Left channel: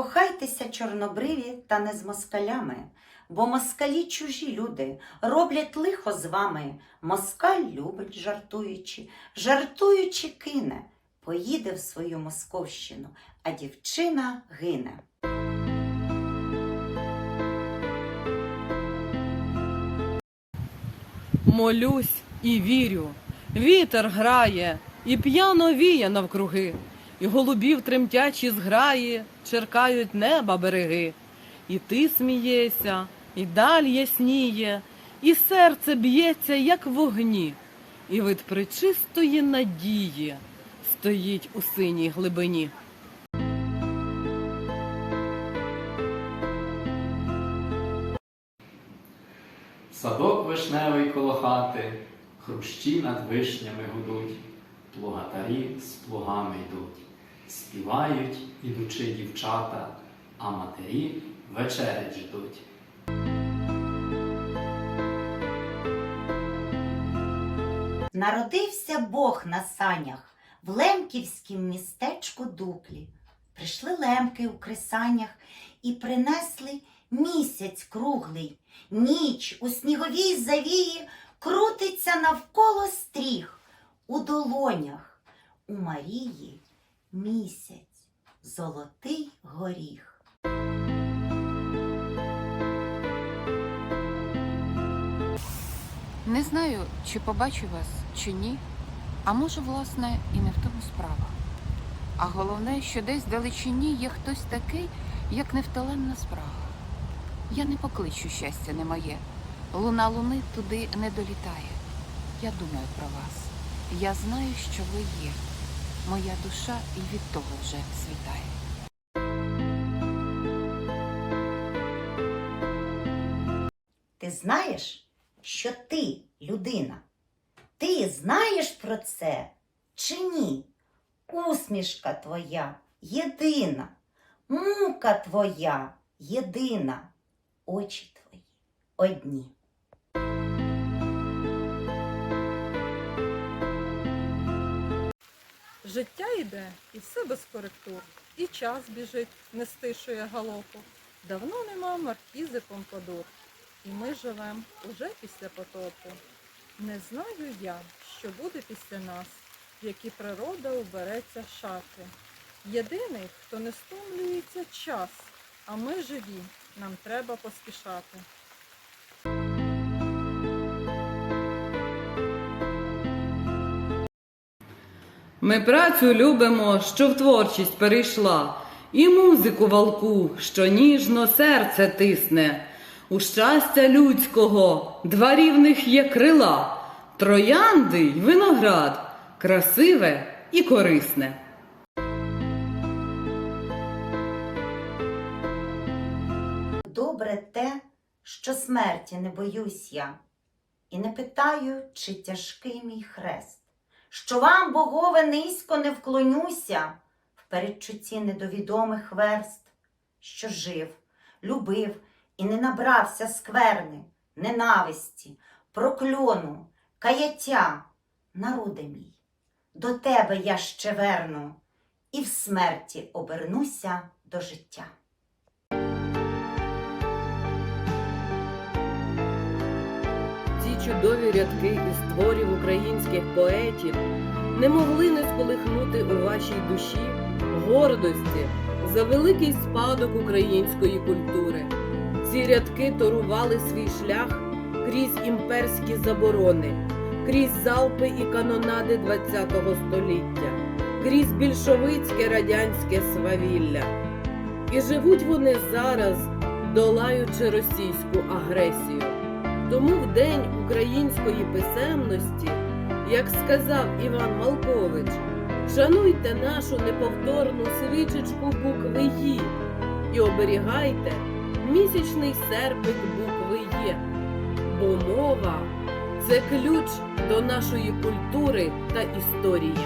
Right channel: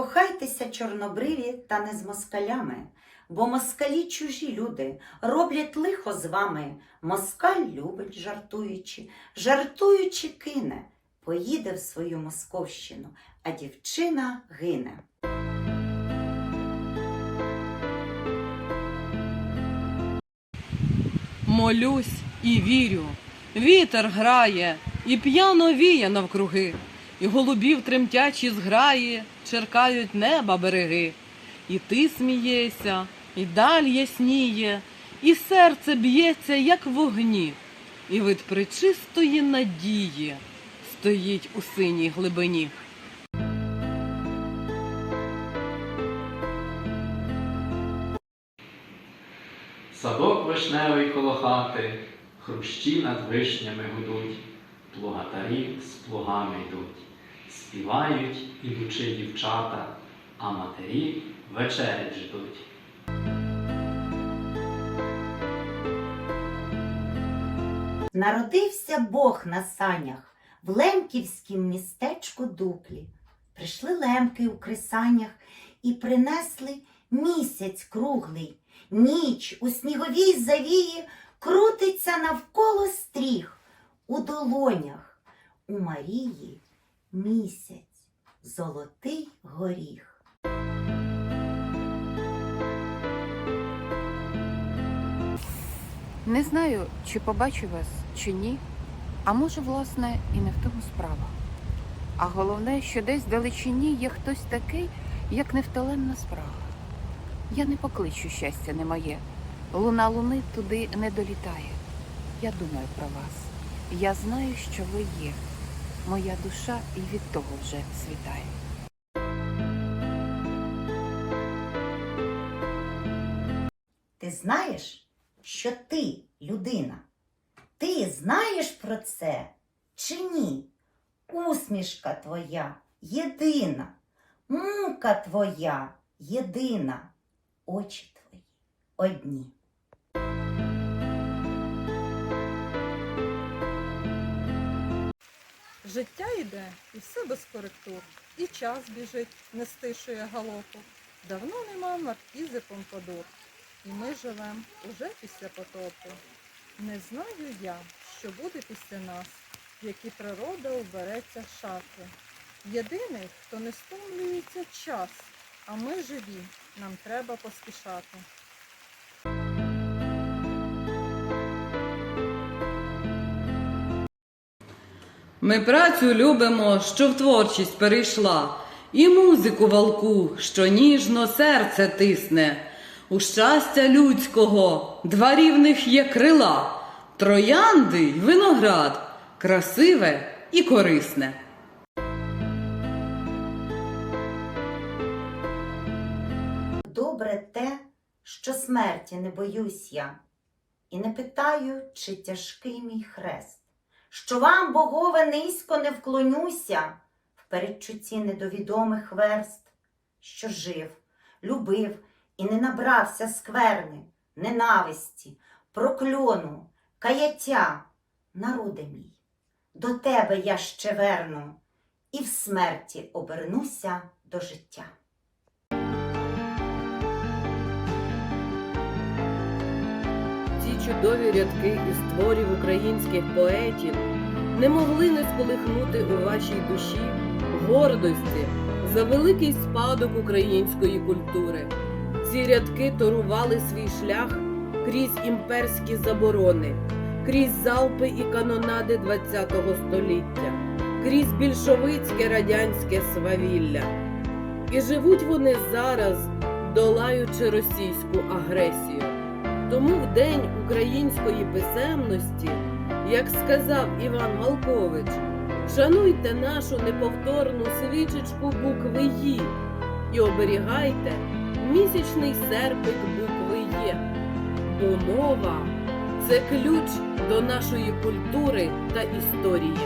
Кохайтеся, чорнобриві, та не з москалями, бо москалі чужі люди, роблять лихо з вами. Москаль любить, жартуючи, жартуючи кине, поїде в свою московщину, а дівчина гине. Молюсь і вірю, вітер грає, і п'яно віє навкруги, і голубів тремтячі зграї черкають неба береги. І ти смієшся, і даль ясніє, і серце б'ється, як вогні, і вид причистої надії стоїть у синій глибині. Садок вишневий коло хати, хрущі над вишнями гудуть, плугатарі з плугами йдуть, співають ідучи дівчата, а матері вечерять ждуть. Народився Бог на санях в лемківськім містечку Дуклі. Прийшли лемки у кресанях і принесли місяць круглий. Ніч у сніговій завії крутиться навколо стріх. У долонях у Марії місяць, золотий горіх. Не знаю, чи побачу вас, чи ні. А може, власне, і не в тому справа. А головне, що десь вдалечині є хтось такий, як невтоленна спрага. Я не покличу щастя не моє. Луна луни туди не долітає. Я думаю про вас. Я знаю, що ви є. Моя душа і від того вже світає. Ти знаєш, що ти людина? Ти знаєш про це чи ні? Усмішка твоя єдина, мука твоя єдина, очі твої одні. Життя йде, і все без коректур, і час біжить, не стишує галопу. Давно нема маркізи Помпадур, і ми живем уже після потопу. Не знаю я, що буде після нас, в які природа убереться шати. Єдиний, хто не стомлюється час, а ми живі, нам треба поспішати. Ми працю любимо, що в творчість перейшла, і музику валку, що ніжно серце тисне. У щастя людського два рівних є крила, троянди й виноград, красиве і корисне. Добре те, що смерті не боюсь я, і не питаю, чи тяжкий мій хрест, що вам, богове, низько не вклонюся в передчутті недовідомих верст, що жив, любив і не набрався скверни, ненависті, прокльону, каяття, народи мій, до тебе я ще верну, і в смерті обернуся до життя. Ці чудові рядки із творів українських поетів не могли не сколихнути у вашій душі гордості за великий спадок української культури. Ці рядки торували свій шлях крізь імперські заборони, крізь залпи і канонади ХХ століття, крізь більшовицьке радянське свавілля. І живуть вони зараз, долаючи російську агресію. Тому в День української писемності, як сказав Іван Малкович, шануйте нашу неповторну свічечку букви «Ї» і оберігайте місячний серпик букви Є, бо мова це ключ до нашої культури та історії.